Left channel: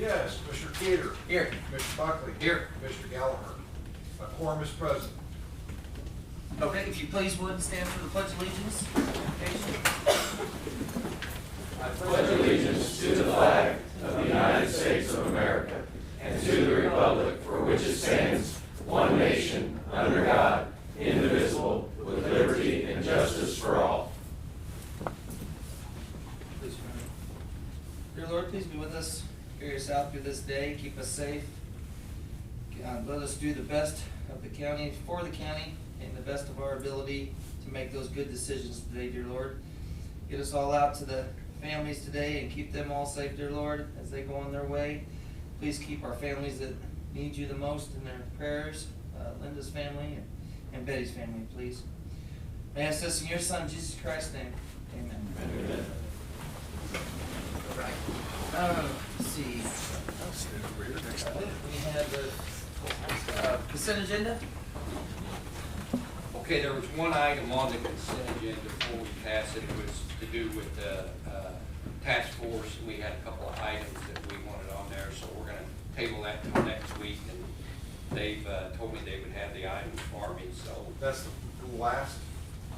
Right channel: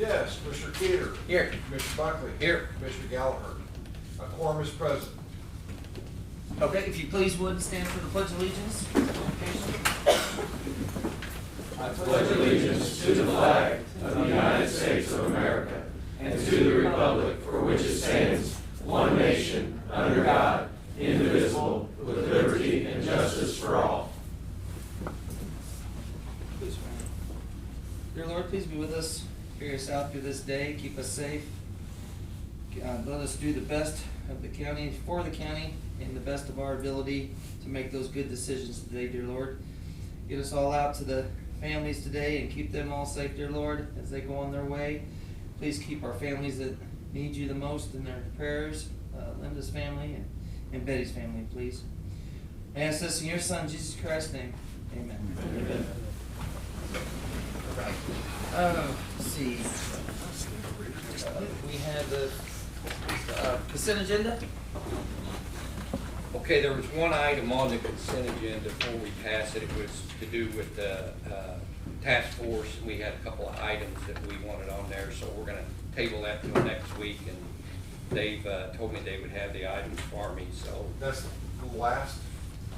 Yes, Commissioner Cater. Here. Commissioner Buckley. Here. Commissioner Gallagher. A quorum is present. Okay, if you please would stand for the Pledge of Allegiance. I pledge allegiance to the flag of the United States of America and to the republic for which it stands, one nation, under God, indivisible, with liberty and justice for all. Dear Lord, please be with us. Carry us out through this day. Keep us safe. Let us do the best of the county, for the county, and the best of our ability to make those good decisions today, dear Lord. Get us all out to the families today and keep them all safe, dear Lord, as they go on their way. Please keep our families that need you the most in their prayers. Linda's family and Betty's family, please. I ask this in your Son, Jesus Christ's name. Amen. Amen. All right. Let's see. We have the consent agenda. Okay, there was one item on the consent agenda before we pass it. It was to do with the task force. We had a couple of items that we wanted on there, so we're going to table that till next week. And they've told me they would have the items for me. So That's the last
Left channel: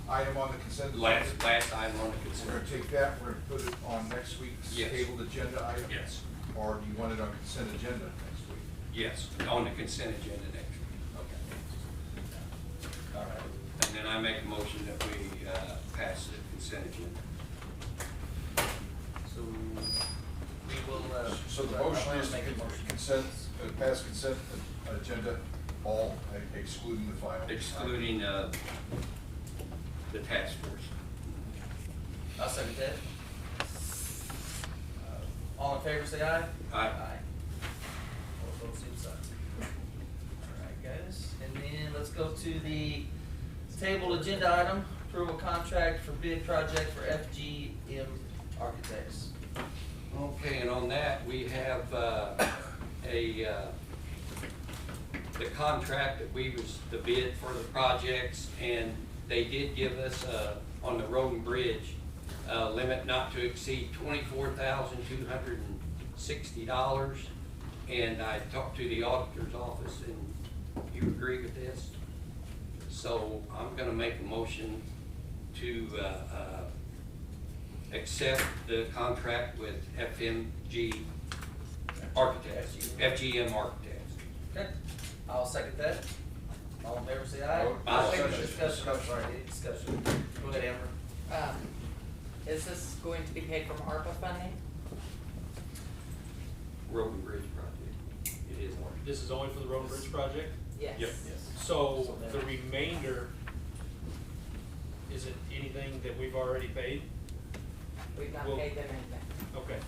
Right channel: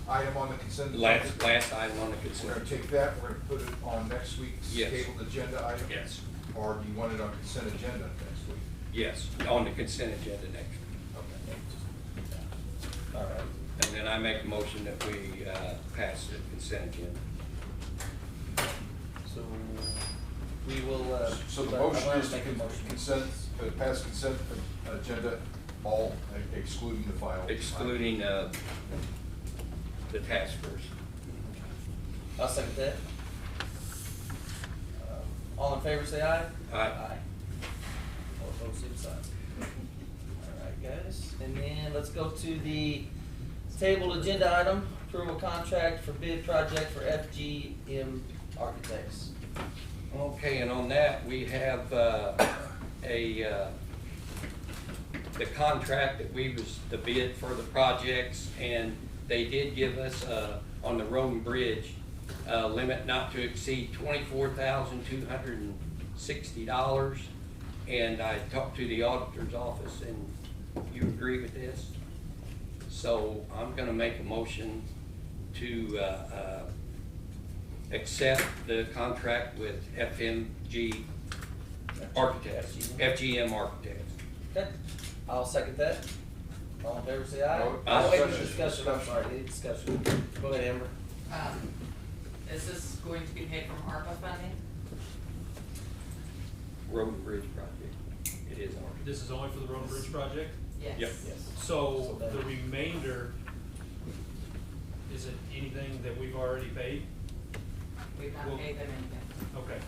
item on the consent. last item on the consent. We're going to take that, we're going to put it on next week's Yes. tabled agenda item? Yes. Or do you want it on consent agenda next week? Yes, on the consent agenda next week. Okay. All right. And then I make a motion that we pass the consent agenda. So we will. So the I motion wanna is to make a motion. consent, pass consent agenda, all excluding the final. Excluding the task force. I'll second that. All in favor, say aye. Aye. All opposed, same sign. All right, guys, and then let's go to the table agenda item, approval contract for bid project for FGM Architects. Okay, and on that, we have the contract that we was the bid for the projects, and they did give us on the road and bridge limit not to exceed $24,260. And I talked to the auditor's office, and you agree with this? So I'm going to make a motion to accept the contract with FGM Architects. Okay, I'll second that. All in favor, say aye. Vote. Aye. Wait, discussion, I'm sorry, any discussion? Go ahead, Amber. Is this going to be paid from ARPA funding? Road and Bridge project. It is ours. This is only for the road and bridge project? Yes. Yep. So then- the remainder, is it anything that we've already paid? We've not Well- paid them anything. Okay.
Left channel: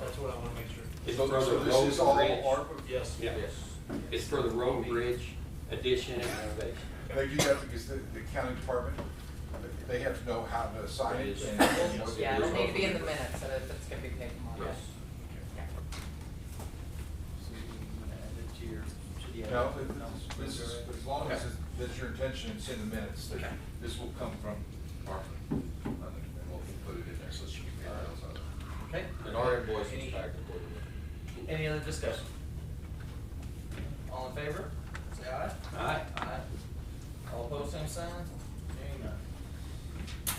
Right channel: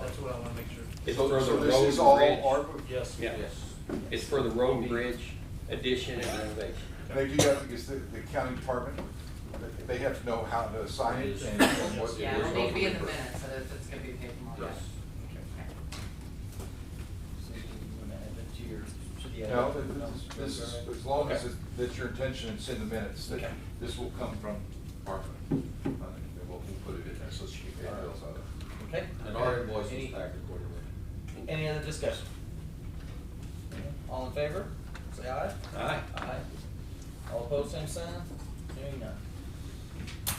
That's what I wanna make sure. It's So for the so this road is and all bridge. ARPA? Yes. Yeah. It's for the road and bridge addition and renovation. And they do that because the county department, they have to know how to sign it and what. Yeah, it'll need to be in the minutes. minutes that it's gonna be paid from ARPA. Yes. Okay. So you wanna add that to your, should you add No, that? this is, as long as it's your intention, it's in the minutes, that Okay. this will come from ARPA. And we'll put it in there, so it should be paid bills out of. Okay. And our invoice Any- is back accordingly. Any other discussion? All in favor, say aye. Aye. Aye. All opposed, same sign? Hearing none.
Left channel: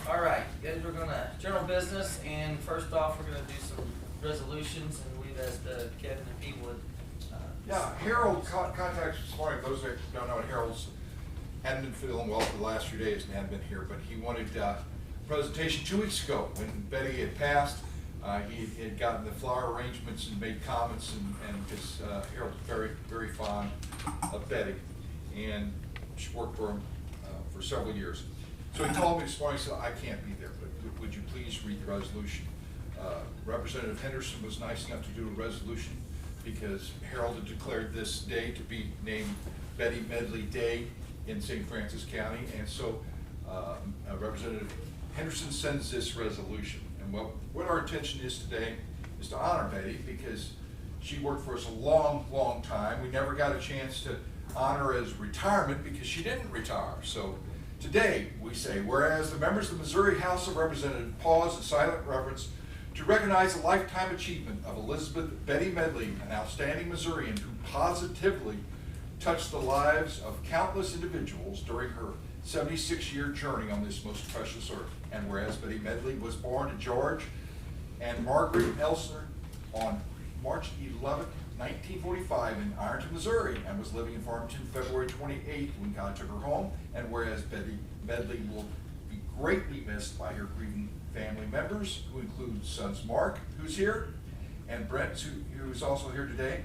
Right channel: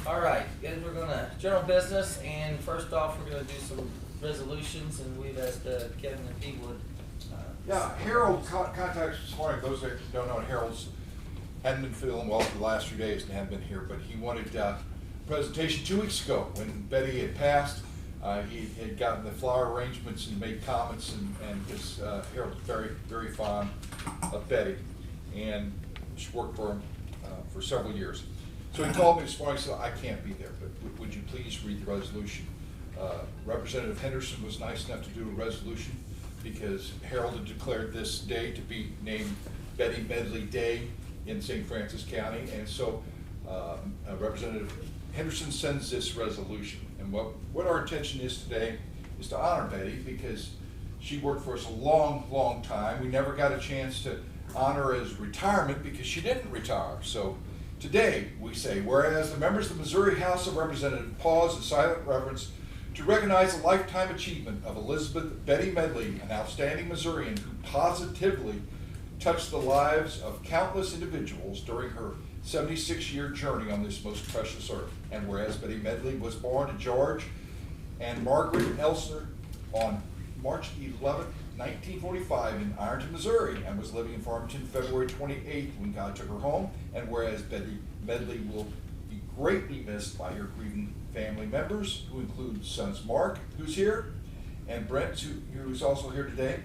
All right, guys, we're gonna, general business, and first off, we're gonna do some resolutions, and we've asked Kevin if he would. Yeah, Harold contacted us this morning. Those that don't know, Harold's hadn't been feeling well for the last few days and hadn't been here, but he wanted a presentation 2 weeks ago when Betty had passed. He had gotten the flower arrangements and made comments, and his, Harold was very, very fond of Betty, and she worked for him for several years. So he called me this morning and said, I can't be there, but would you please read the resolution? Representative Henderson was nice enough to do a resolution because Harold had declared this day to be named Betty Medley Day in St. Francis County, and so Representative Henderson sends this resolution. And what our intention is today is to honor Betty because she worked for us a long, long time. We never got a chance to honor her as retirement because she didn't retire. So today we say, whereas the members of the Missouri House of Representatives pause in silent reverence To recognize the lifetime achievement of Elizabeth Betty Medley, an outstanding Missourian who positively touched the lives of countless individuals during her 76-year journey on this most precious earth. And whereas Betty Medley was born to George and Margaret Elsner on March 11, 1945 in Ironton, Missouri, and was living in Farmington February 28 when God took her home. And whereas Betty Medley will be greatly missed by her grieving family members, who include sons Mark, who's here, and Brent, who's also here today,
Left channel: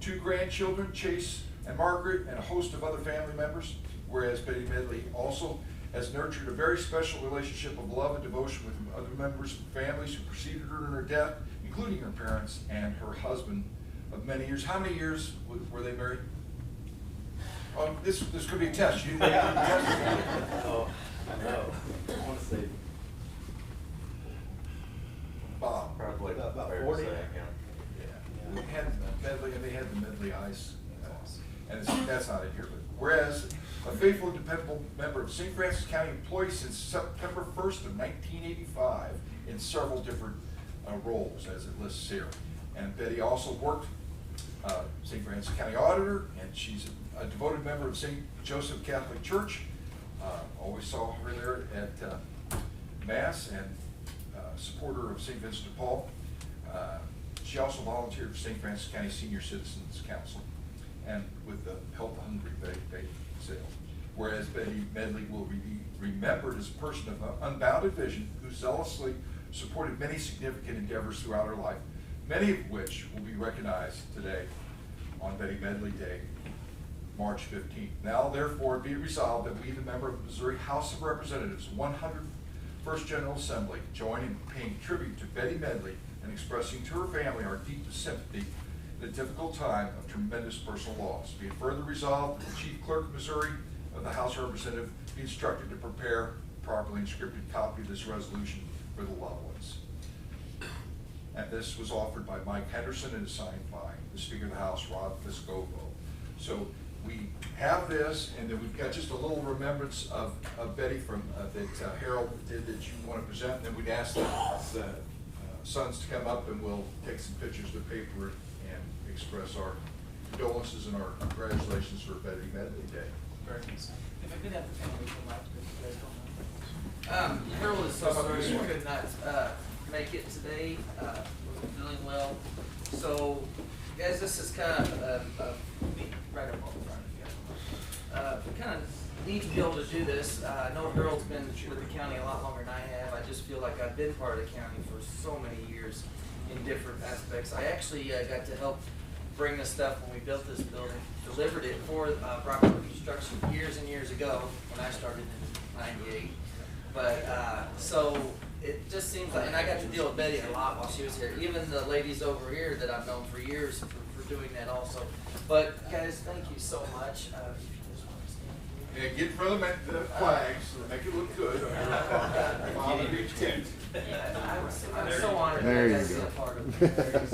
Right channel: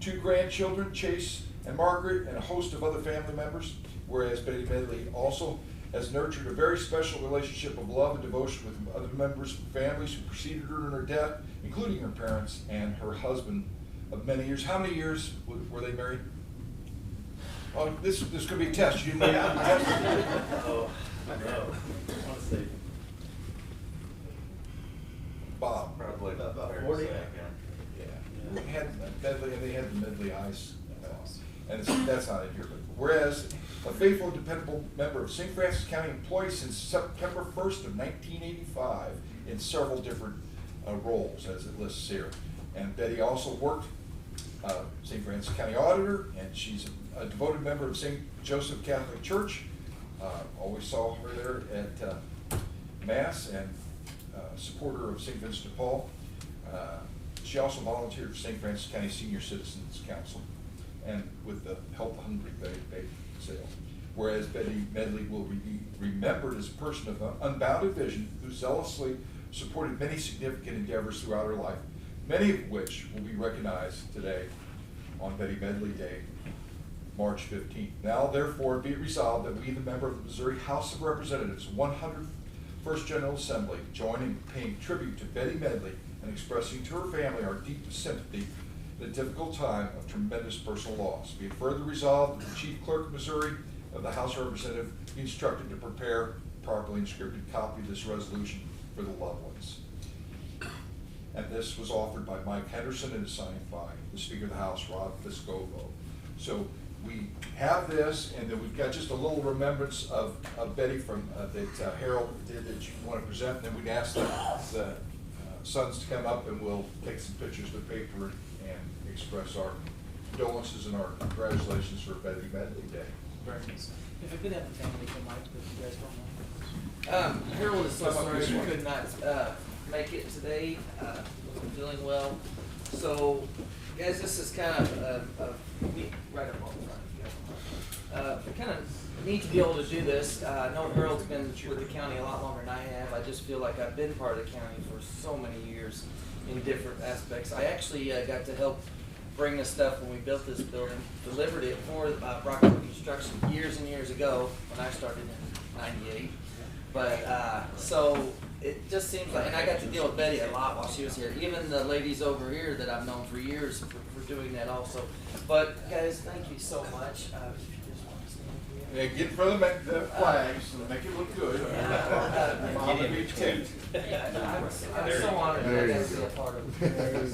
2 grandchildren, Chase and Margaret, and a host of other family members. Whereas Betty Medley also has nurtured a very special relationship of love and devotion with other members of families who preceded her in her death, including her parents and her husband of many years. How many years were they married? Oh, this could be a test. You didn't know. Oh, I know. I want to say Bob. probably About fair 40. to say. Yeah. They had Medley, and they had the Medley Ice, and that's not it here. But whereas a faithful and dependable member of St. Francis County, employed since September 1st of 1985 in several different roles, as it lists here. And Betty also worked St. Francis County Auditor, and she's a devoted member of St. Joseph Catholic Church. Always saw her there at Mass, and supporter of St. Vincent de Paul. She also volunteered for St. Francis County Senior Citizens Council and with the Help the Hungry bake sale. Whereas Betty Medley will be remembered as a person of unbounded vision who zealously supported many significant endeavors throughout her life, many of which will be recognized today on Betty Medley Day, March 15th. Now, therefore, be it resolved that we, the member of the Missouri House of Representatives, 101st General Assembly, join in paying tribute to Betty Medley and expressing to her family our deepest sympathy in a difficult time of tremendous personal loss. Be it further resolved that the Chief Clerk of Missouri of the House of Representatives be instructed to prepare a properly inscripted copy of this resolution for the loved ones. And this was offered by Mike Henderson and is signed by the Speaker of the House, Rod Piscopo. So we have this, and then we've got just a little remembrance of Betty from that Harold did that you want to present. And then we'd ask the sons to come up, and we'll take some pictures of the paper and express our condolences and our congratulations for Betty Medley Day. Very nice. If I could have a family for Mike, but you guys don't know. Harold is so How about sorry this he one? could not make it today. Wasn't feeling well. So, guys, this is kind of right up on the front. If you guys want. Kind of neat to be able to do this. I know Harold's been with the county a lot longer than I have. I just feel like I've been part of the county for so many years in different aspects. I actually got to help bring this stuff when we built this building, delivered it for Brockwood Construction years and years ago when I started in '98. But so it just seems like, and I got to deal with Betty a lot while she was here. Even the ladies over here that I've known for years for doing that also. But guys, thank you so much. If you just want to stand here. Yeah, get in front of the flag so make it look good. Mom, Get in be tent. Yeah, I was so honored that I got to be a part of Betty's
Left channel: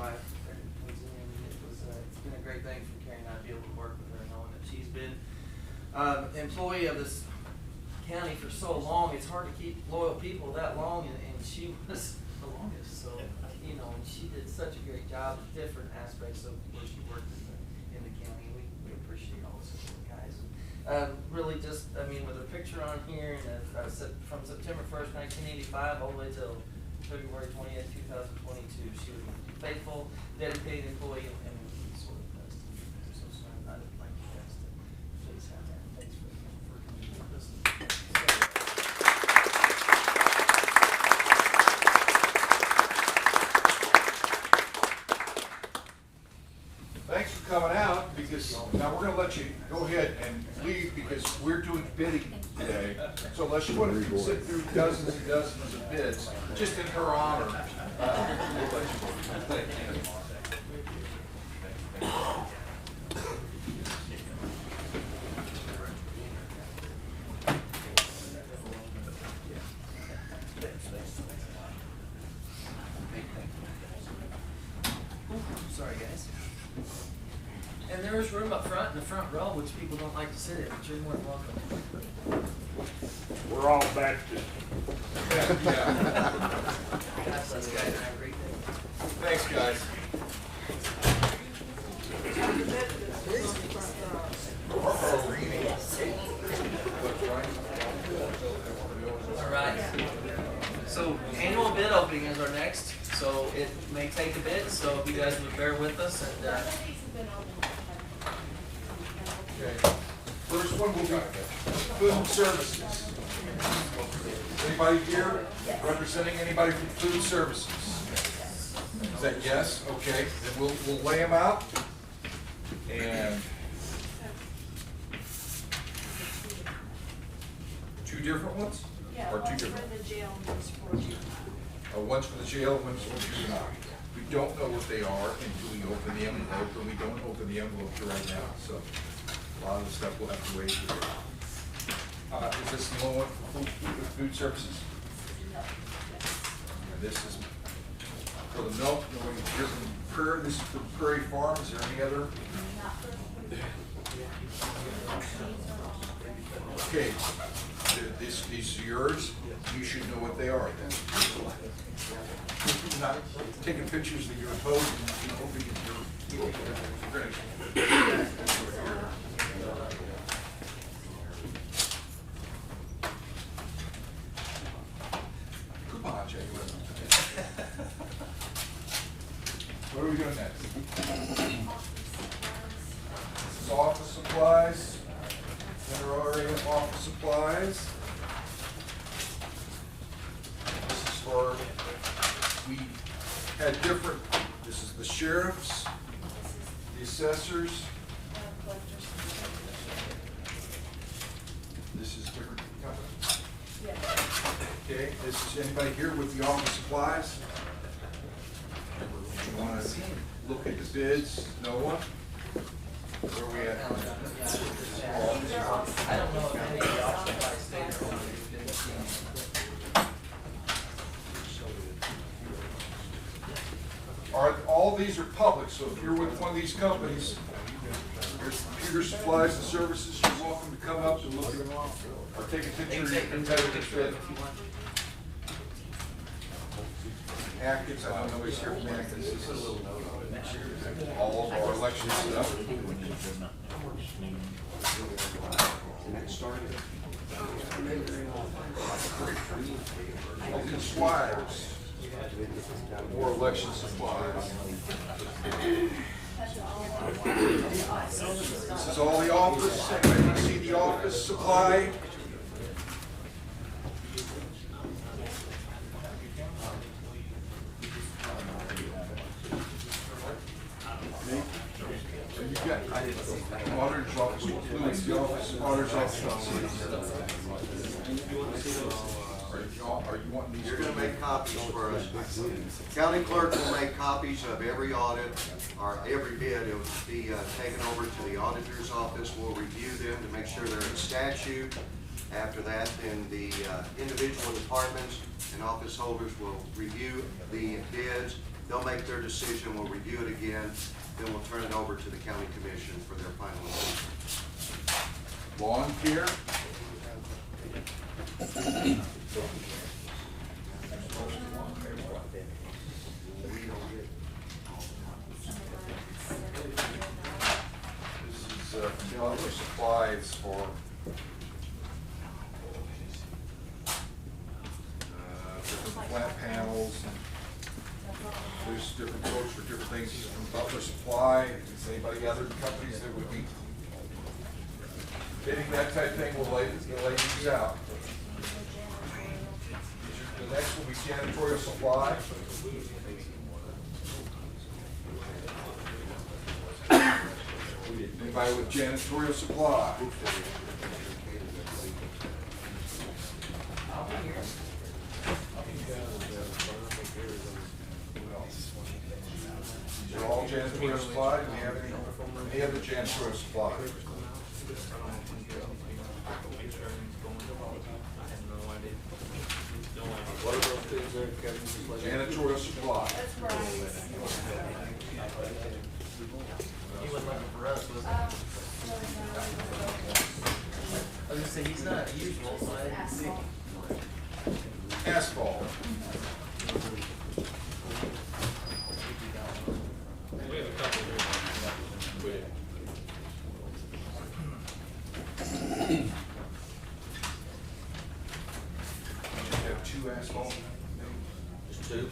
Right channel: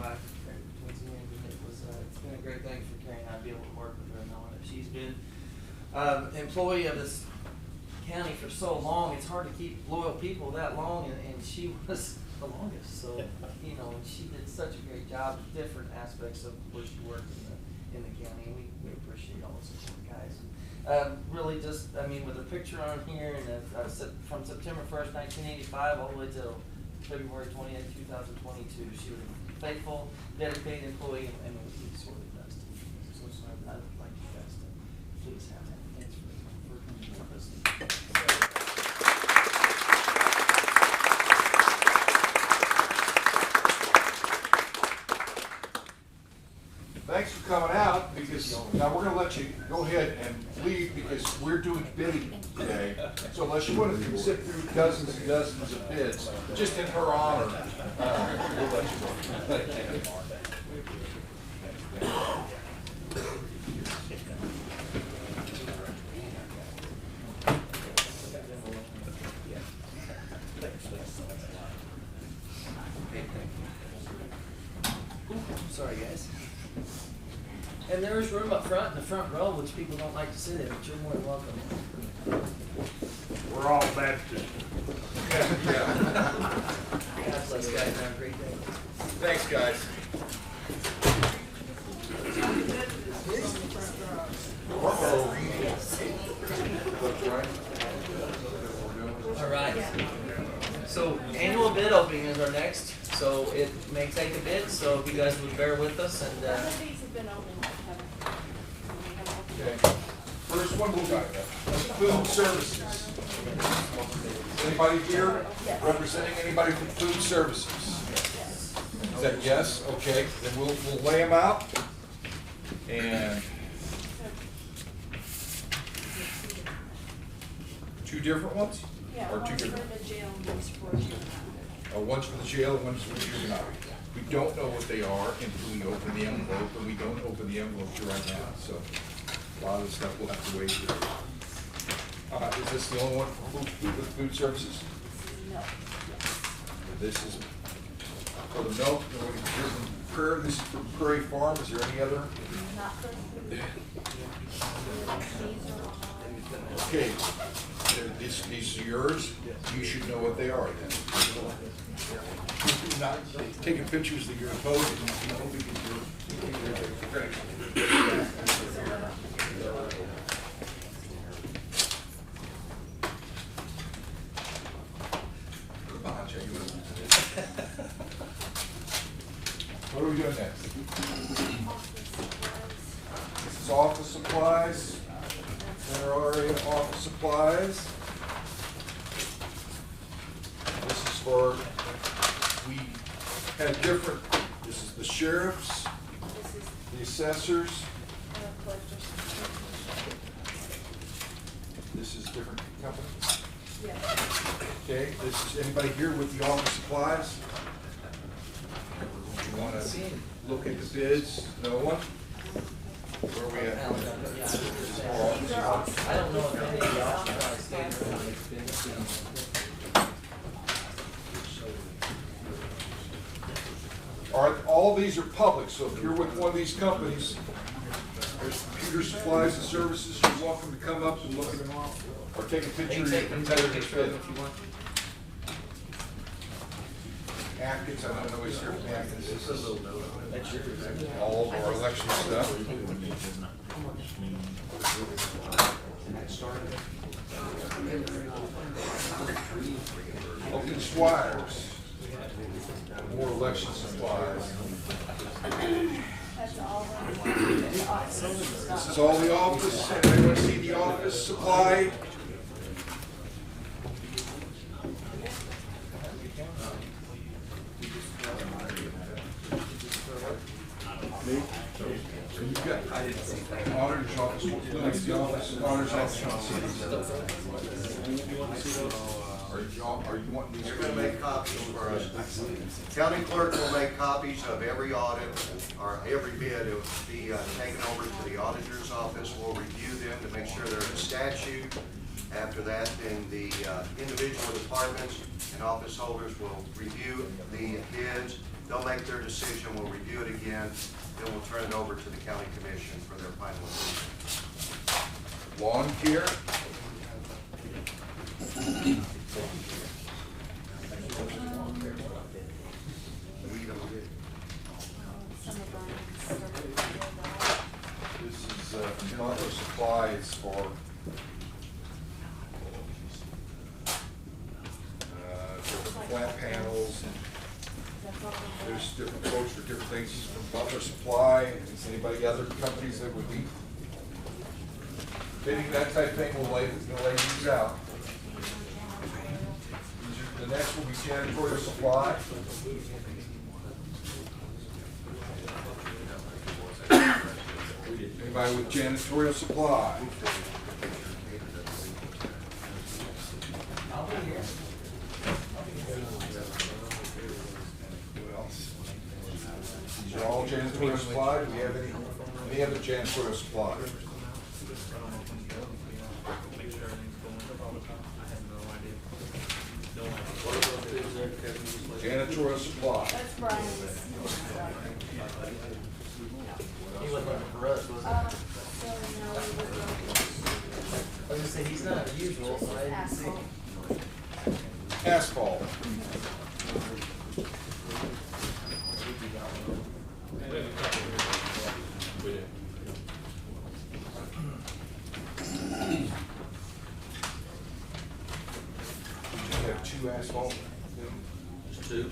life. It's been a great thing for Carrie and I to be able to work with her, knowing that she's been employee of this county for so long. It's hard to keep loyal people that long, and she was the longest. So, you know, and she did such a great job in different aspects of where she worked in the county. We appreciate all the support, guys. Really just, I mean, with her picture on here, and from September 1st, 1985, all the way till February 20th, 2022, she was a faithful, dedicated employee, and we sort of best. So I would like you guys to please have that. Thanks for coming with us. Thanks for coming out, because now we're going to let you go ahead and leave because we're doing bidding today. So unless you want to sit through dozens and dozens of bids, just in her honor, we'll let you go. Sorry, guys. And there's room up front in the front row, which people don't like to sit in, but you're more than welcome. We're all Baptist. Yeah. God bless Thanks, guys. All right. So annual bid opening is our next, so it may take a bit, so if you guys would bear with us and, Some of these have been open. Okay. First one will be food services. Anybody here representing anybody from food services? Is that yes? Okay, then we'll lay them out. And two different ones? Yeah, Or two one's for different? the jail and one's for juvenile. One's for the jail and one's for the juvenile. We don't know what they are until we open the envelope, and we don't open the envelope right now, so a lot of the stuff we'll have to wait for. Is this the only one for food services? No, This is for the milk, and we're here from Prairie, this is for Prairie Farm, is there any other? not for. These are all. Okay, these are yours, you should know what they are then. Not taking pictures of your boat and hoping you're. Come on, Jay. What are we doing next? This is office supplies. General area office supplies. This is for, we had different, this is the sheriff's, This is the assessors, collector's. this is different companies. Yeah. Okay, this is anybody here with the office supplies? You wanna look at the bids? No one? Where are we at? These are all. I don't know if any of the options stand for All right, all these are public, so if you're with one of these companies, there's computer supplies and services, you're welcome to come up and look at them or take a picture. You can take a picture of it if you want. Atkins, I don't know who's here from Atkins. This is all of our election stuff. Elton Squires, more election supplies. That's all the offices. This is all the office, anybody see the office supply? Me? So you got, auditor's office, includes the office, auditor's office. Are you wanting these? You're gonna make copies for us. County clerk will make copies of every audit, or every bid. It will be taken over to the auditor's office. We'll review them to make sure they're in statute. After that, then the individual departments and office holders will review the bids. They'll make their decision, we'll review it again, then we'll turn it over to the county commission for their final decision. Lawn care? This is other supplies for different flat panels. There's different quotes for different things from Butler Supply. Is anybody other companies that would be bidding that type of thing? We'll lay these out. The next will be janitorial supply. Anybody with janitorial supply? I'll be here. What else? These are all janitorial supply. Do we have any other janitorial supply? Janitorial supply. That's Brian's. He wasn't looking for us, was he? I was gonna say, he's not usual, so I didn't see. Asphalt. Asphalt. Two.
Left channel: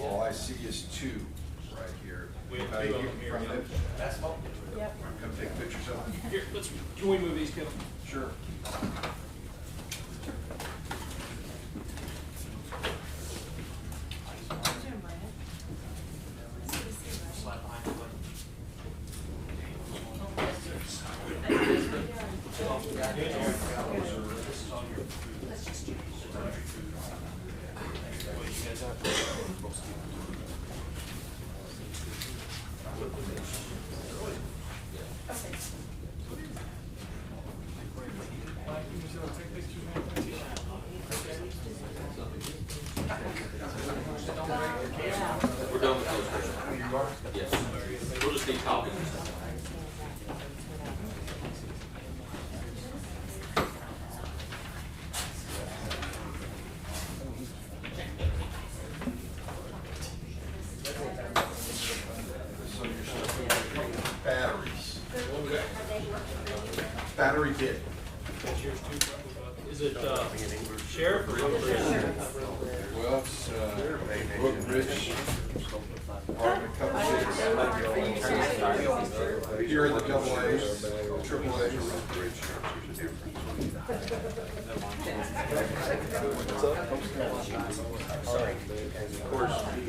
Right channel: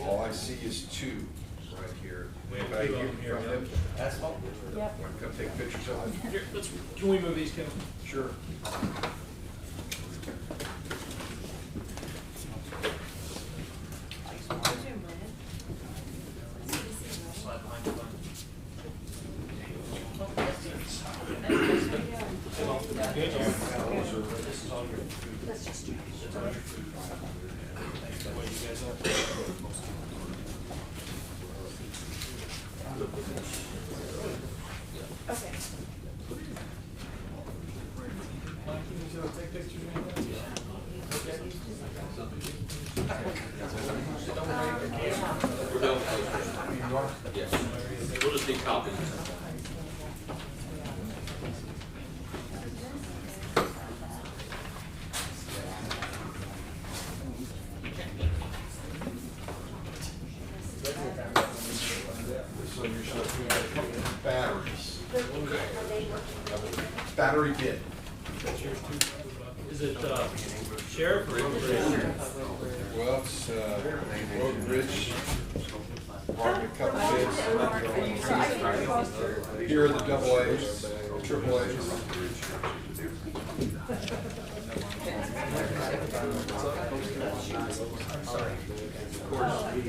All I see is two right here. We have Anybody two of here them here, from yeah. them? Asphalt? Yep. Come take pictures of it? Here, can we move these, Kevin? Sure. Okay. We're done with those. Yes. We'll just need copies. So you're supposed to have a couple of batteries. Battery bit. Is it, sheriff or road bridge? Well, it's, Road and Bridge, Department, couple bids. Here are the double A's, triple A's. Of course, we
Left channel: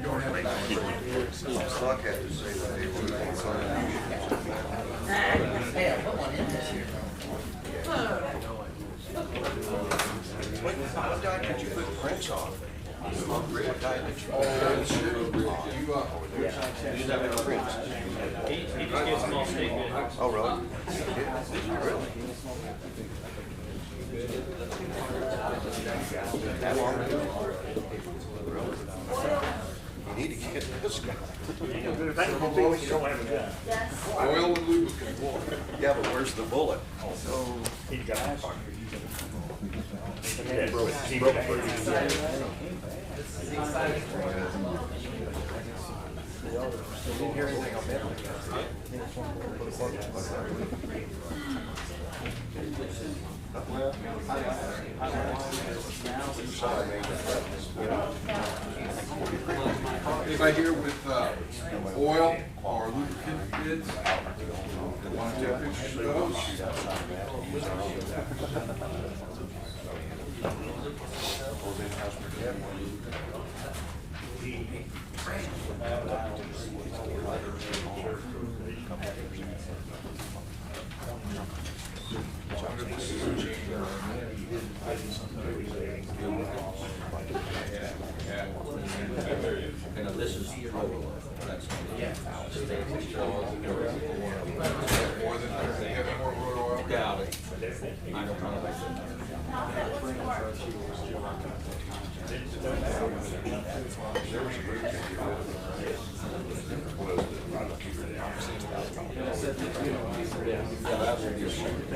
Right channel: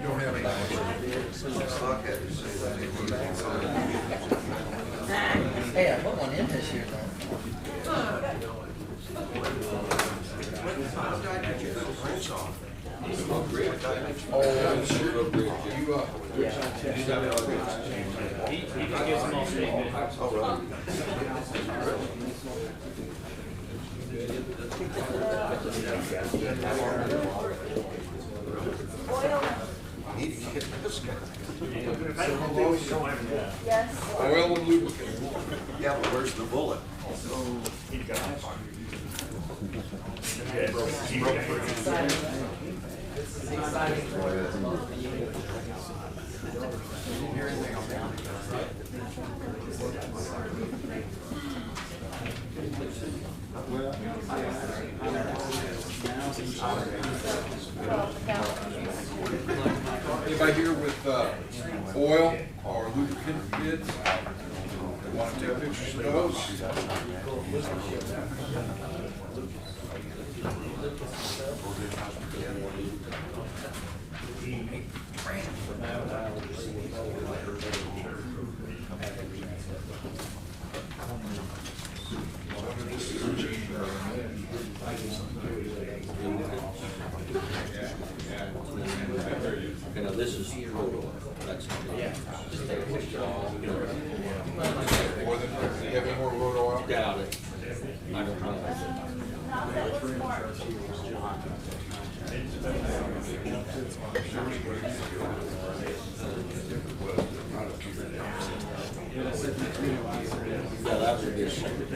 don't have Hey, I put one in this year though. Oh, sure. You, He just gets them all stated. Yes. oil and lubricant. Yeah, but where's the bullet? Anybody here with, oil or lubricant bids? Want to take pictures of those? Now, this is road oil. That's not. Yeah. Just take a picture of More than, do you have any more road oil? it. Doubt it. I don't know. Yeah, that would be a shame.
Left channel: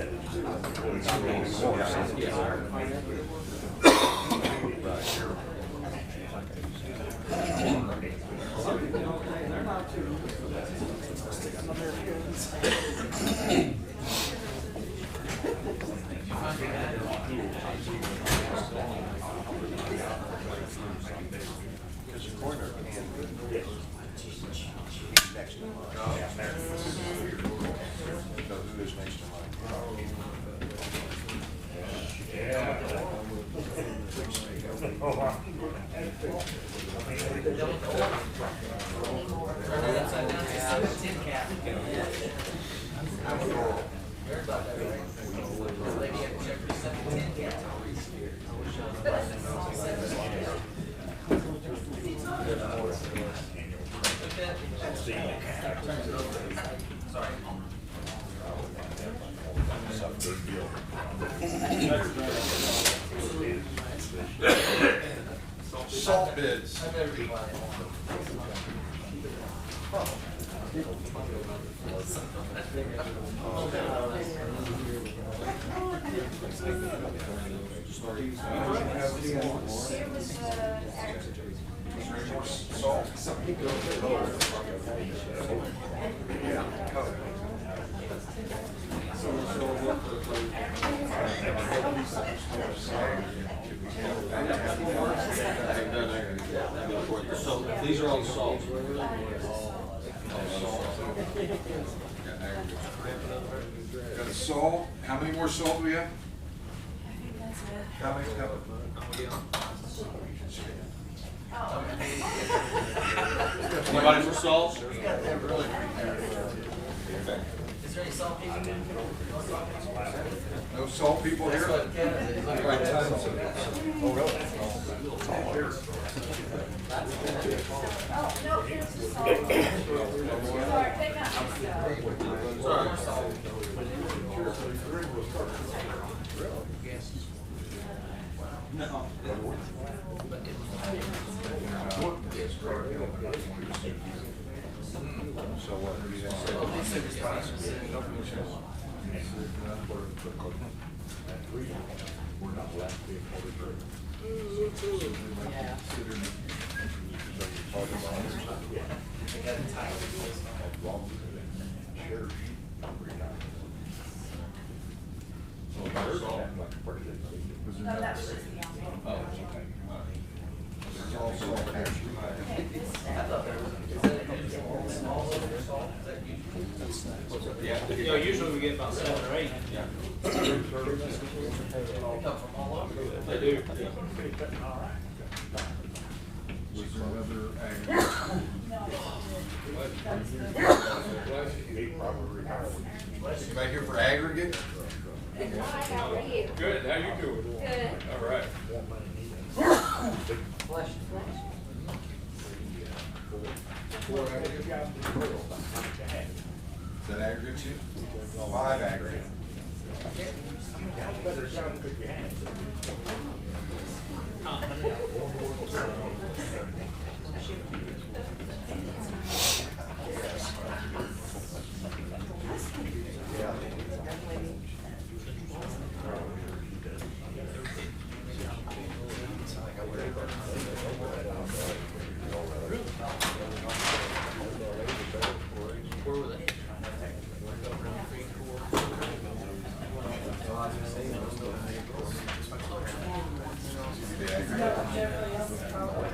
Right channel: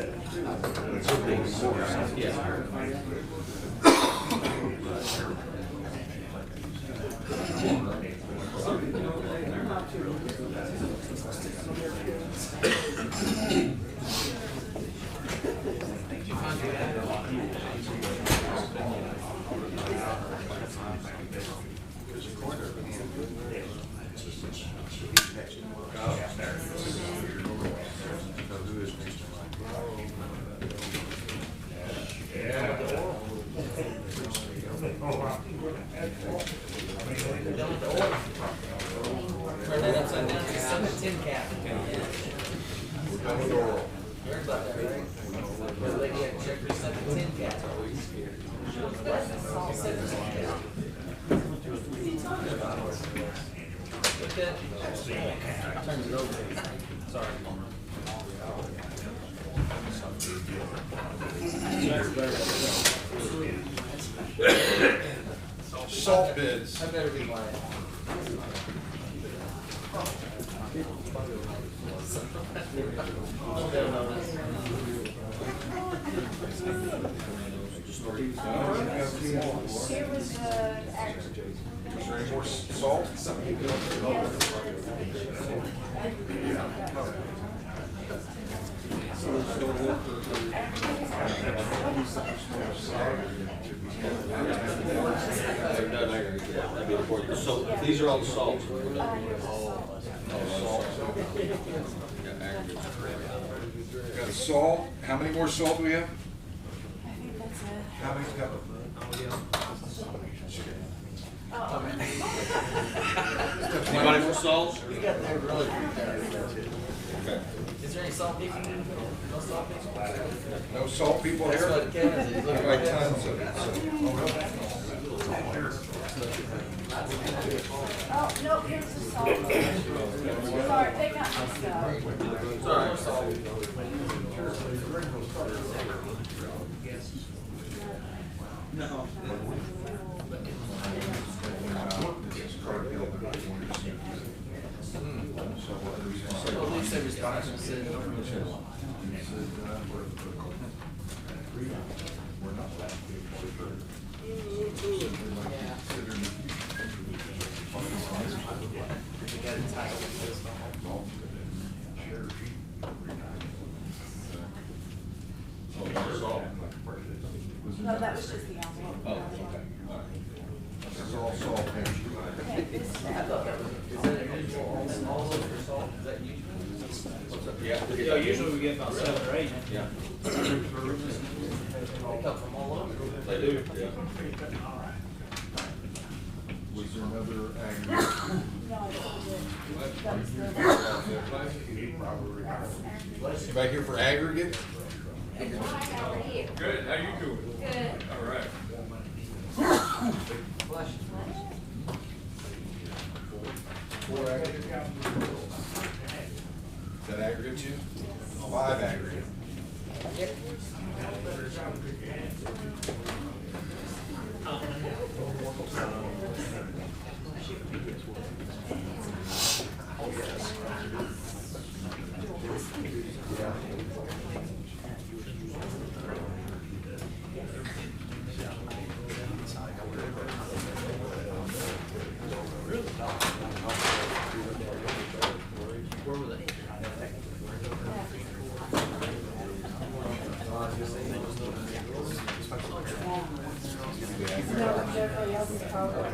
Turn that upside down to 7 cap. Done with oil. You heard about that, right? The lady had to check her 7 cap. Turns it over. Sorry. Salt bids. I better be quiet. Here was the action. Is there any more salt? I've done aggregate before. So these are all the salts. Got salt, how many more salt do we have? I think that's it. How many pepper? Anybody for salt? You got that really there. Is there any salt people? No salt people? No salt people here? That's what Kevin said. He's looking Right, right tons at of it. it. Oh, really? Oh, no, here's the salt. Sorry, they got my stuff. No. At least they responded and said, yeah. They got entitled to this. No, that was just the envelope. Oh, okay. This is all salt here. Okay, this is I thought that was, is that all over your salt? Is that usual? Yeah, usually we get about 7 or 8. They come from all over. They do. Was there another aggregate? No, that was the. Anybody here for aggregate? Hi, how are you? Good, how you doing? Good. All right. Four aggregate? Is that aggregate too? 5 aggregate. No, everybody else is probably.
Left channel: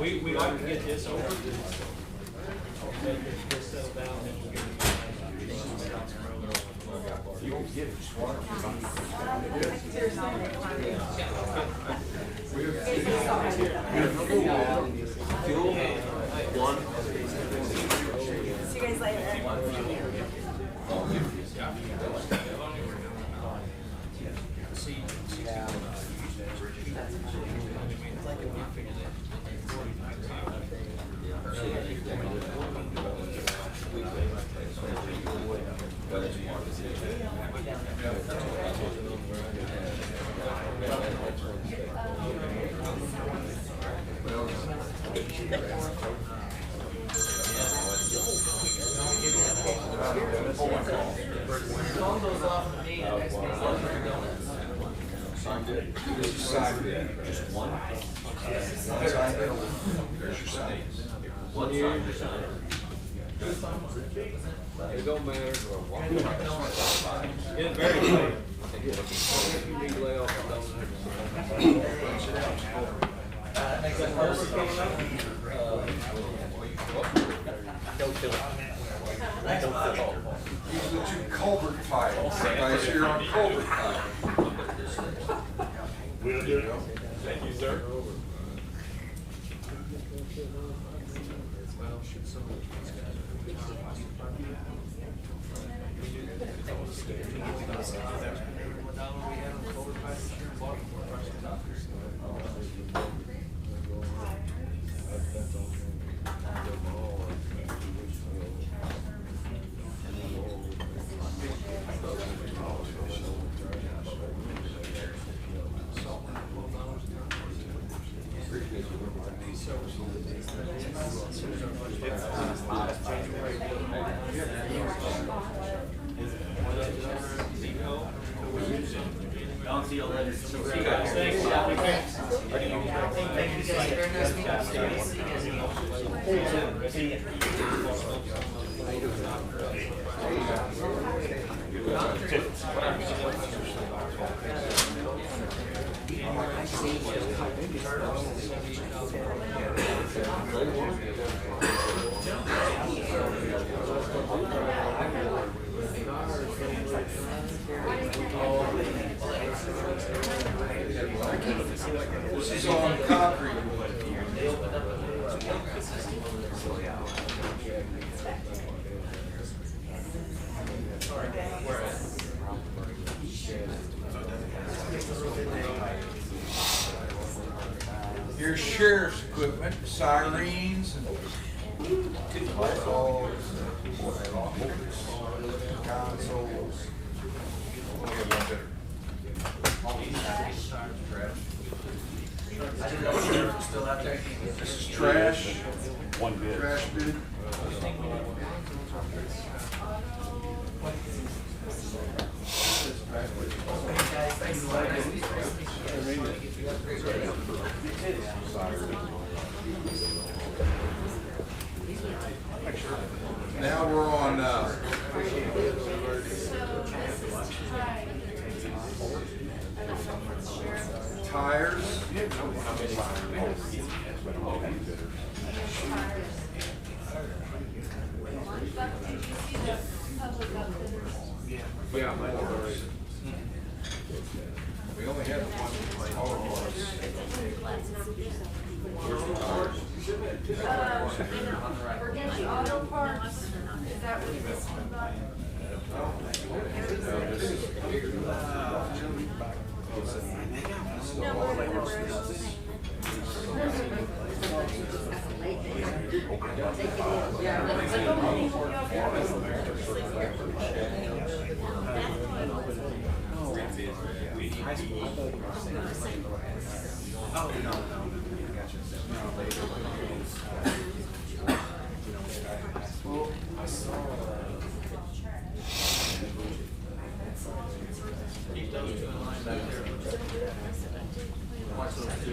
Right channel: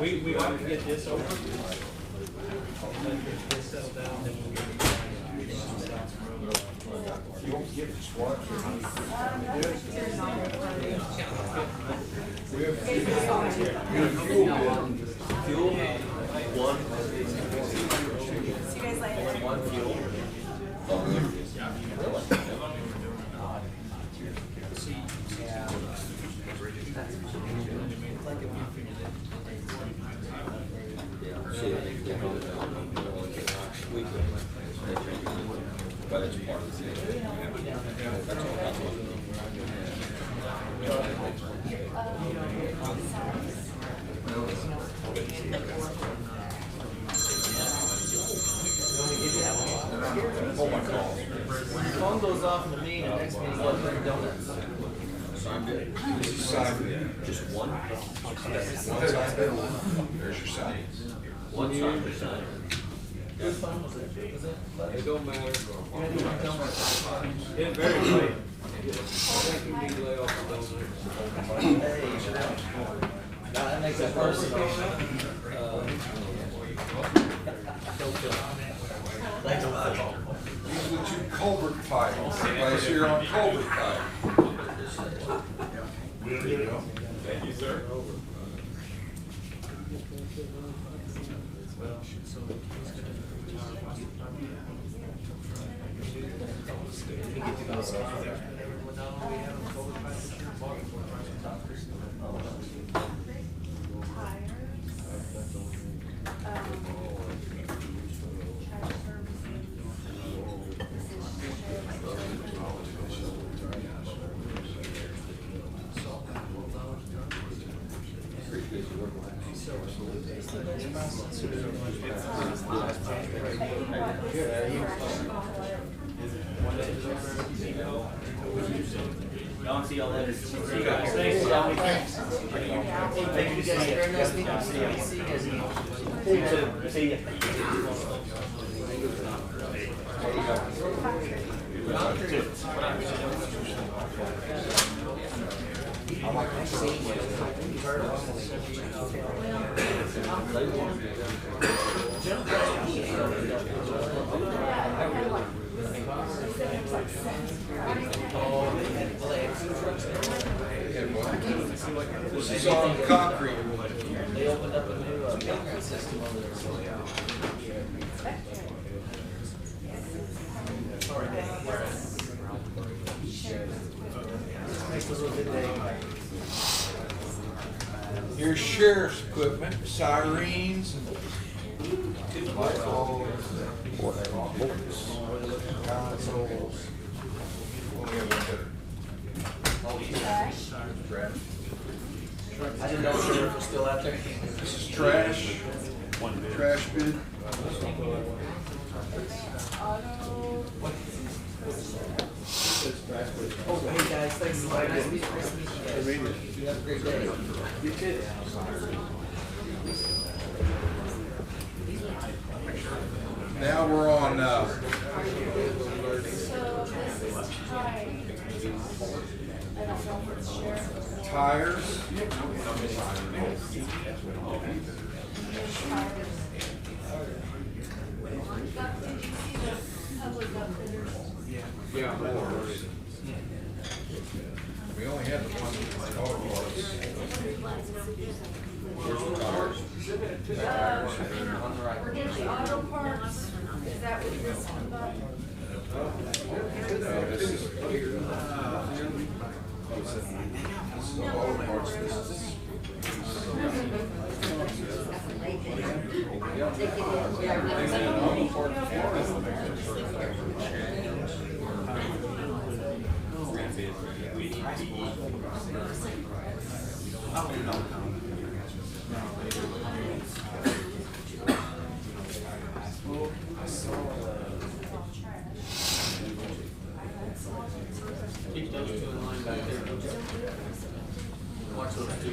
We like to get this over. And then get settled down, then we'll get it. You won't get just one. We have Fuel, one. See you guys later. One fuel. But it's part of When your phone goes off in the meeting, the next meeting's like for donuts. Signed it. This is signed. Just one? One signed bill. There's your sign. One signed. Whose phone was it? Was it? It don't matter. It's very late. That makes it personal. Thanks a lot. These are the 2 culvert files. Guys here on culvert file. There you go. Thank you, sir. Don't see all that. Thank you guys very nice meeting you. See you guys again. See ya. This is on concrete. They opened up a new concrete system over there. Here's sheriff's equipment, sirens, light bulbs, consoles. Trash. I didn't know the sheriff was still out there. This is trash. Trash bin. Hey guys, thanks a lot. Nice meeting you guys. You have a great day. You too. Now we're on, tires. Yeah. We only have one auto parts. Where's the tires? On the right. The auto parts, is that what this one about? No, this is. This is the auto parts. This is. Keep those two in line back there. Watch those two.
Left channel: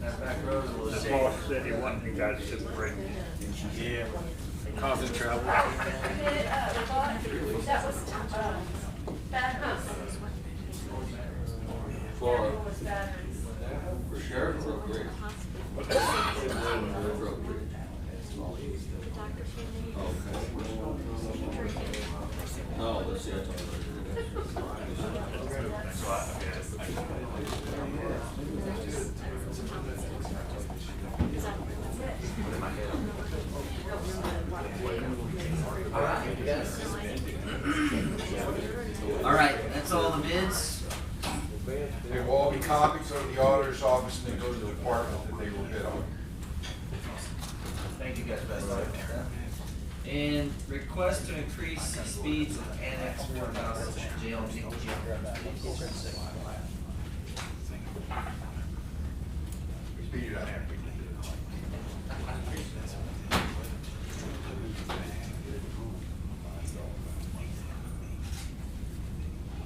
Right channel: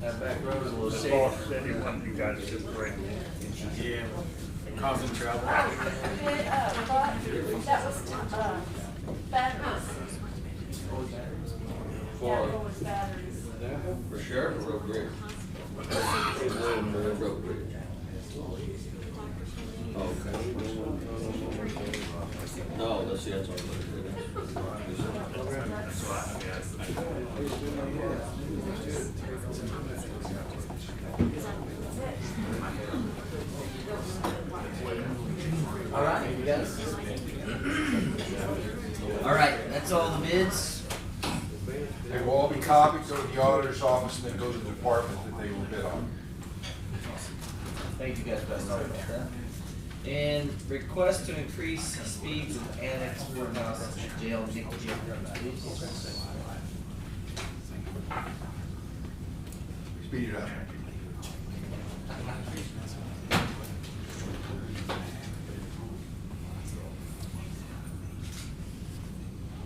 That back road is a little The shady. boss said he wanted you guys to bring. Yeah. Causing trouble. But, that was, batteries. For, That was batteries. for sure, real great. Real great. Okay. No, let's see, that's all. All right, you guys. All right, that's all the bids. They will all be copied, go to the auditor's office, and then go to the department that they were bid on. Thank you guys, best. Sorry about that. And request to increase speeds of annex courthouse jail nickel jail. Speed it up.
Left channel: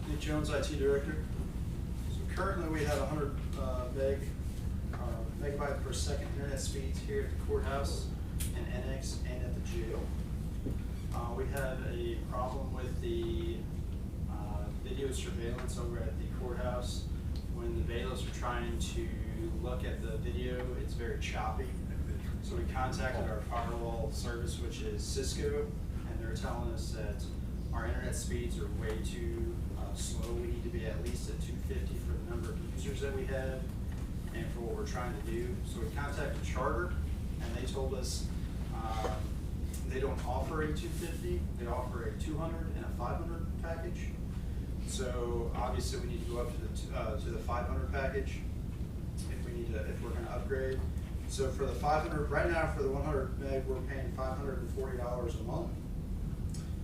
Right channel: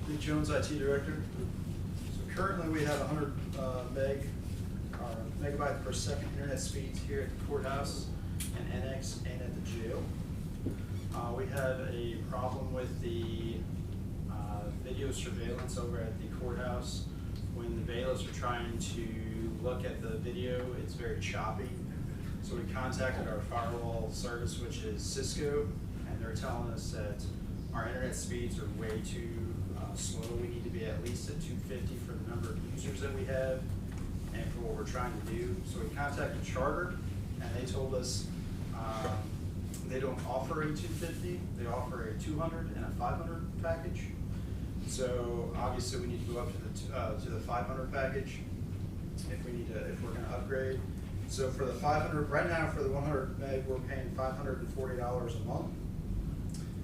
Nick Jones, IT Director. So currently we have 100 megabyte per second internet speeds here at the courthouse and annex and at the jail. We have a problem with the video surveillance over at the courthouse. When the bailiffs are trying to look at the video, it's very choppy. So we contacted our firewall service, which is Cisco, and they're telling us that our internet speeds are way too slow. We need to be at least at 250 for the number of users that we have and for what we're trying to do. So we contacted Charter, and they told us they don't offer a 250, they offer a 200 and a 500 package. So obviously we need to go up to the 500 package if we're going to upgrade. So for the 500, right now for the 100 meg, we're paying $540 a month.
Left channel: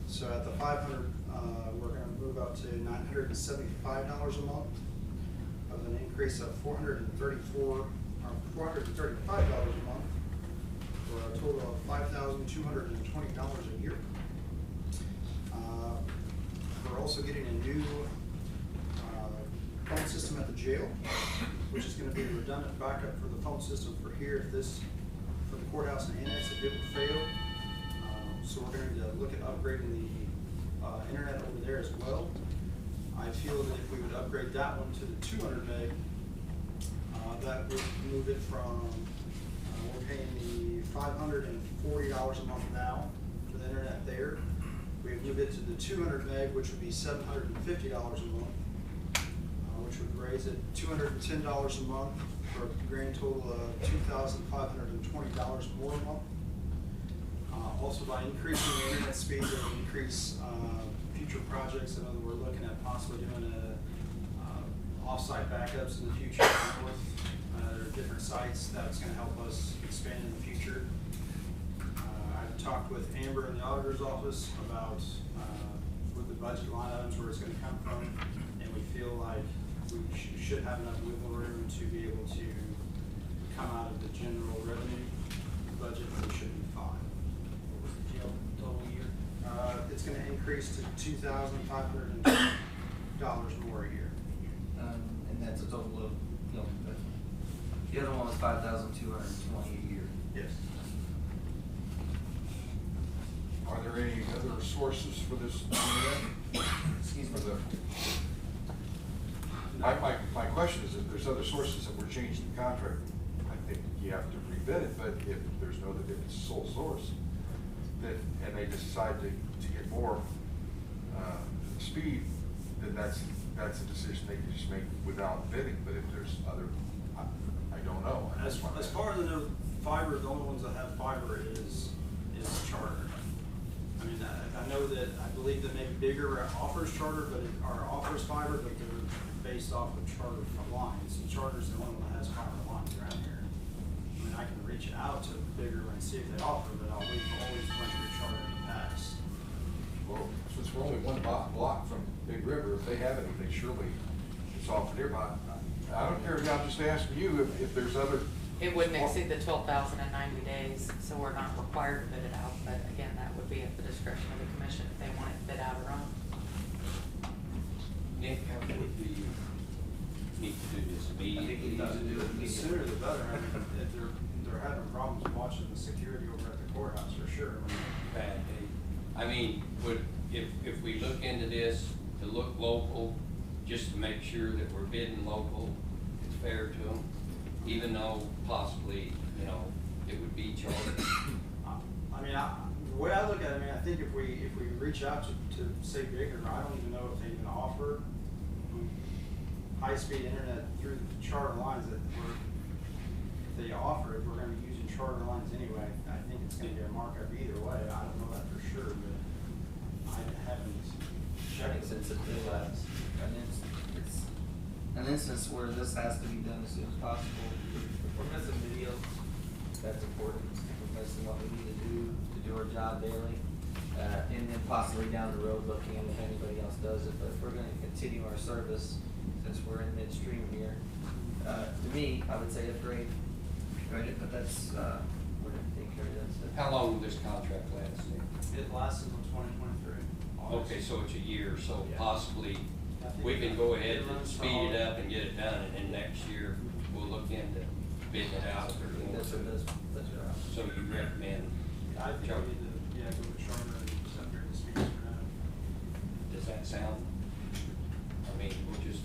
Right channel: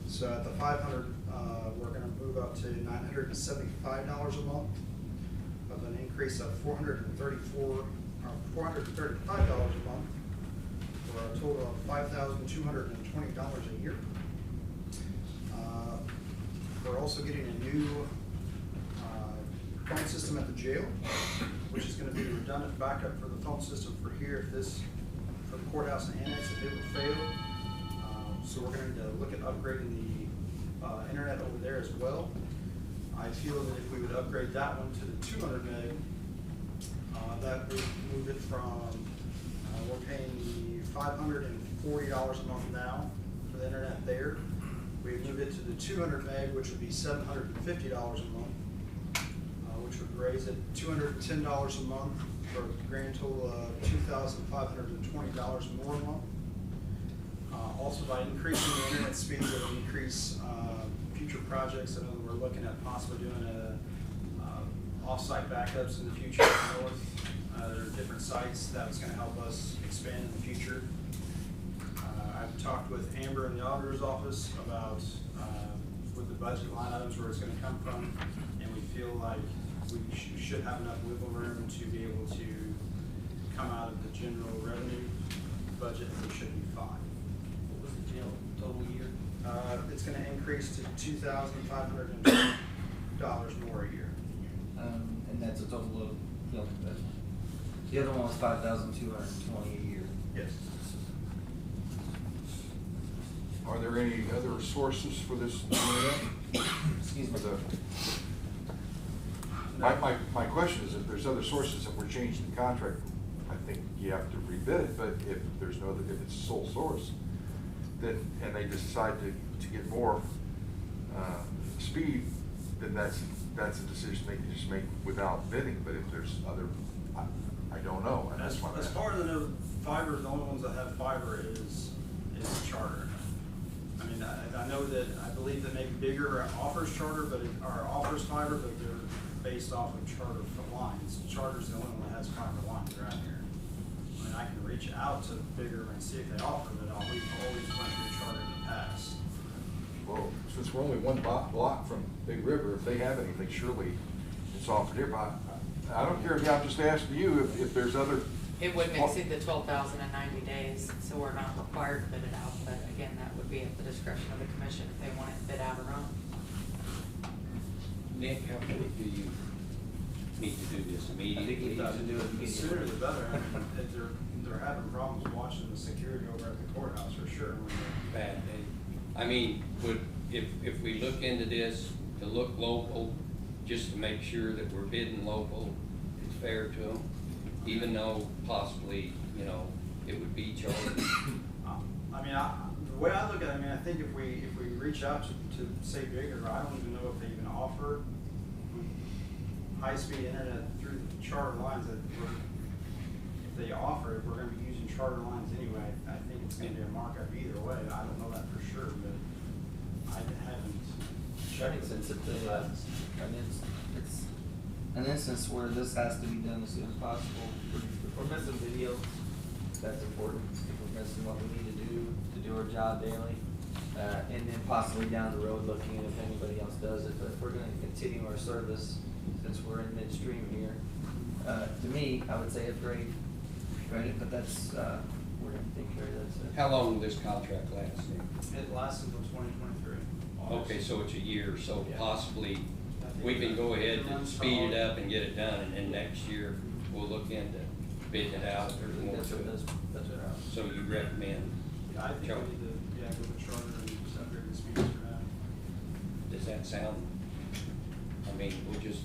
So at the 500, we're going to move up to $975 a month, of an increase of $435 a month, for a total of $5,220 a year. We're also getting a new phone system at the jail, which is gonna be a redundant backup for the phone system for here, for the courthouse and annex if it would fail. So we're going to look at upgrading the internet over there as well. I feel that if we would upgrade that one to the 200 meg, that would move it from, we're paying the $540 a month now for the internet there. We'd move it to the 200 meg, which would be $750 a month, which would raise it $210 a month for a grand total of $2,520 more a month. Also, by increasing the internet speeds, it will increase future projects. I know that we're looking at possibly doing off-site backups in the future north. There are different sites that's going to help us expand in the future. I've talked with Amber in the auditor's office about with the budget line items where it's going to come from, and we feel like we should have enough wiggle room to be able to come out of the general revenue budget. It should be fine. What was the jail total year? It's going to increase to $2,520 more a year. And that's a total of, the other one was $5,220 a year. Yes. Are there any other sources for this internet? Excuse me. My question is, if there's other sources that we're changing the contract, I think you have to rebid it, but if there's no other, if it's a sole source, then, and they decide to get more speed, then that's a decision they can just make without bidding. But if there's other, I don't know. And As that's far as I know, fiber, the only ones that have fiber is Charter. I mean, I know that, I believe that maybe Bigger offers Charter, or offers fiber, but they're based off of Charter for lines. Charter's the only one that has fiber lines around here. I mean, I can reach out to Bigger and see if they offer, but we've always went through Charter in the past. Well, since we're only one block from Big River, if they have anything, surely it's offered nearby. I don't care, I'm just asking you if there's other. It wouldn't exceed the 12,000 in 90 days, so we're not required to bid it out, but again, that would be at the discretion of the commission if they want it bid out or own. Nick, how quick do you need to do this I think we immediately? need to do it The immediately. sooner the better. I mean, if they're having problems watching the security over at the courthouse for sure. Bad day. I mean, if we look into this to look local, just to make sure that we're bidding local, it's fair to them, even though possibly, it would be charged. I mean, the way I look at it, I mean, I think if we reach out to say Bigger, I don't even know if they even offer high-speed internet through the Charter lines if they offer it, we're gonna be using Charter lines anyway. I think it's gonna be a markup either way. I don't know that for sure, but I haven't checked. Since it's an instance where this has to be done as soon as possible. If we're missing video, that's important. If we're missing what we need to do our job daily, and then possibly down the road looking at if anybody else does it. But if we're gonna continue our service, since we're in midstream here, to me, I would say upgrade, right? But that's, we're gonna take care of that stuff. How long will this contract last? It lasts until 2023. Okay, so it's a year, so Yeah. possibly we can go ahead and speed it up and get it done, and then next year we'll look into bidding it out if there's more That's to what it. that's what I. So you recommend, I think Charter. we need to, go with Charter and just upgrade the speeds for that. does that sound? I mean, we'll just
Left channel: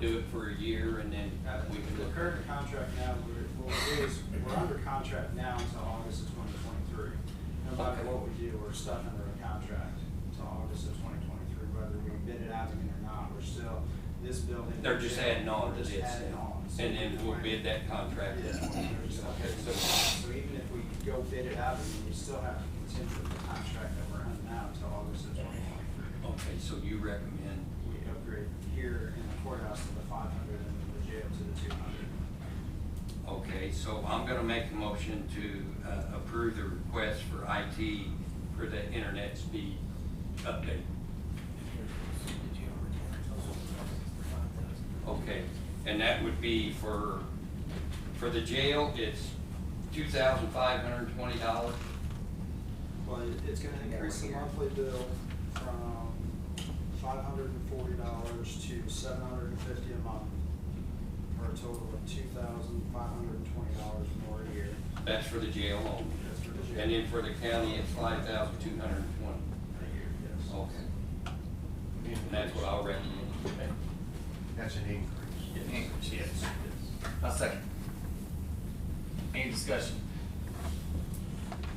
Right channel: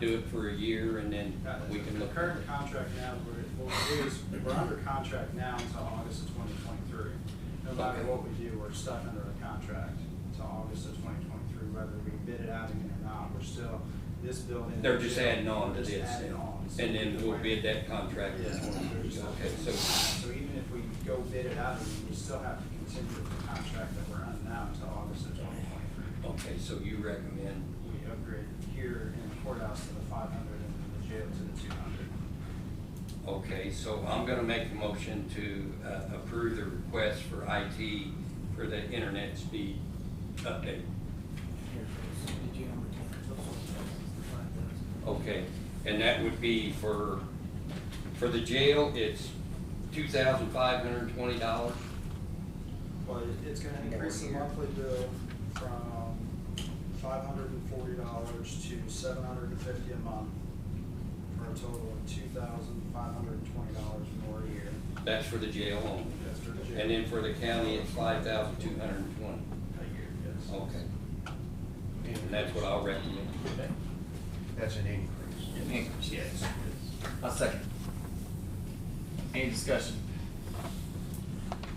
do it for a year and then we can The look. current contract now, we're under contract now until August of 2023. No matter what we do, we're stuck under a contract until August of 2023, whether we bid it out again or not. We're still, this building. They're just adding on to We're just this, adding on. So and then we'll bid that contract. Yeah. Okay, so, So even if we go bid it out, we still have to continue with the contract that we're under now until August of 2023. okay, so you recommend, We upgrade here in the courthouse to the 500 and the jail to the 200. okay, so I'm gonna make the motion to approve the request for IT for the internet speed update. Did you Okay, and that would be for the jail, it's $2,520. Well, it's gonna increase the monthly bill from $540 to $750 a month, for a total of $2,520 for a year. That's for the jail only. That's for the jail. And then for the county, it's 5,220. A year, yes. Okay. And that's what I'll recommend. That's an increase. Increase, yes. A second. Any discussion?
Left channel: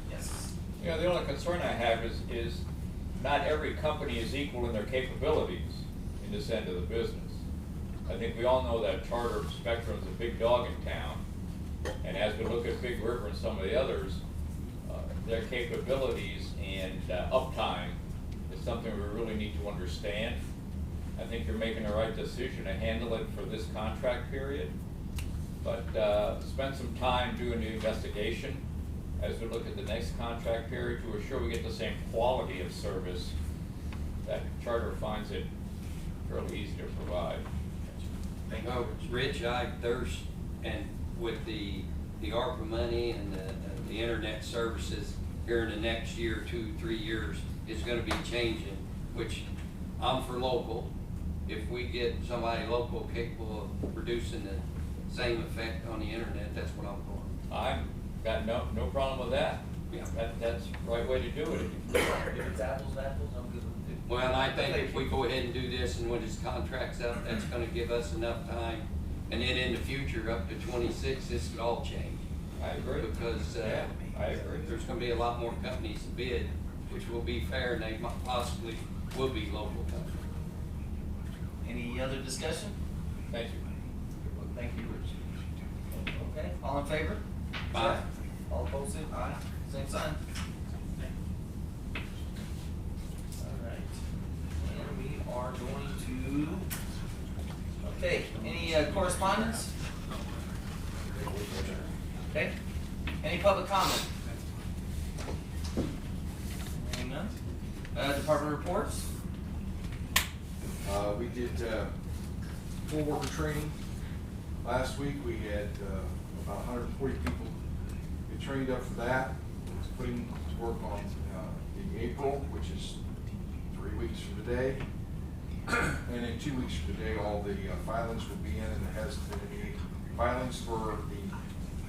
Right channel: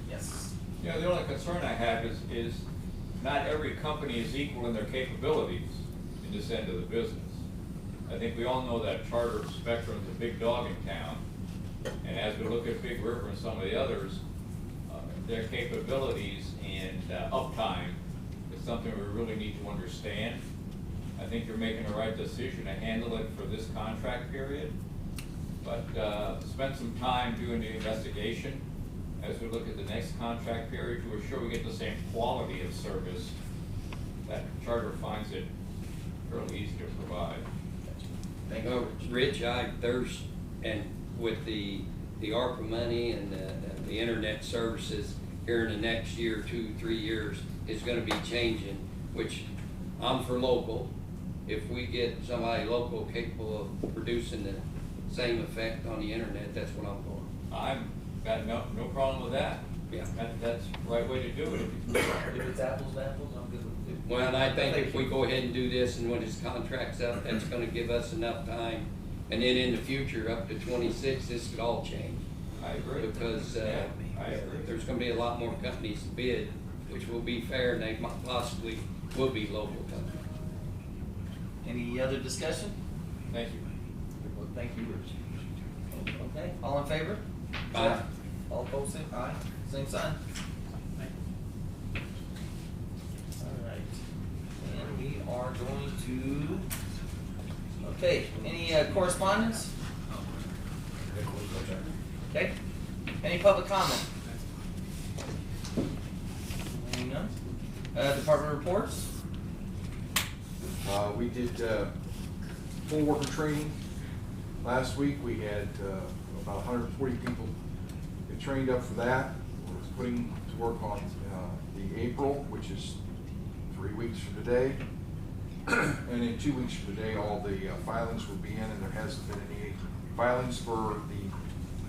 Yes. You know, the only concern I have is not every company is equal in their capabilities in this end of the business. I think we all know that Charter Spectrum is a big dog in town, and as we look at Big River and some of the others, their capabilities and uptime is something we really need to understand. I think you're making the right decision to handle it for this contract period, but spend some time doing the investigation as we look at the next contract period to assure we get the same quality of service that Charter finds it fairly easy to provide. Thank No, you. Rich, and with the ARPA money and the internet services here in the next year, 2-3 years, is gonna be changing, which I'm for local. If we get somebody local capable of producing the same effect on the internet, that's what I'm for. I'm got no problem with that. Yeah. That's the right way to do it. If it's apples to apples, I'm good with it. Well, I think if we go ahead and do this and when his contract's up, that's gonna give us enough time. And then in the future, up to 26, this could all change. I agree. Because Yeah, I agree. there's gonna be a lot more companies to bid, which will be fair, and they possibly will be local companies. Any other discussion? Thank you. Thank you, Rich. Okay, all in favor? Aye. All opposed, say aye. Same sign. All right, and we are going to, okay, any correspondence? Okay, any public comment? Hearing none. Department reports? We did poll worker training last week. We had about 140 people get trained up for that. We're putting to work on the April, which is 3 weeks from today. And in 2 weeks from today, all the filings will be in, and there hasn't been any filings for the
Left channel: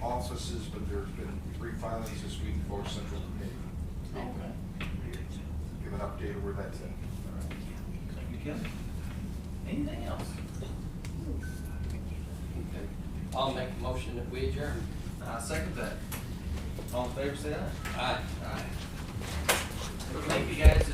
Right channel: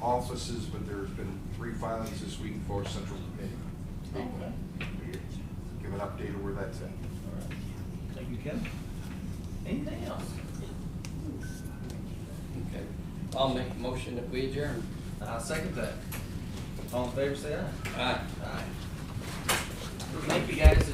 offices, but there's been 3 filings this week for Central Committee. Okay. Give an update of where that's at. All right. Thank you, Kevin. Anything else? Okay. I'll make a motion that we adjourn. I'll second that. All in favor, say aye. Aye. Aye. Thank you, guys.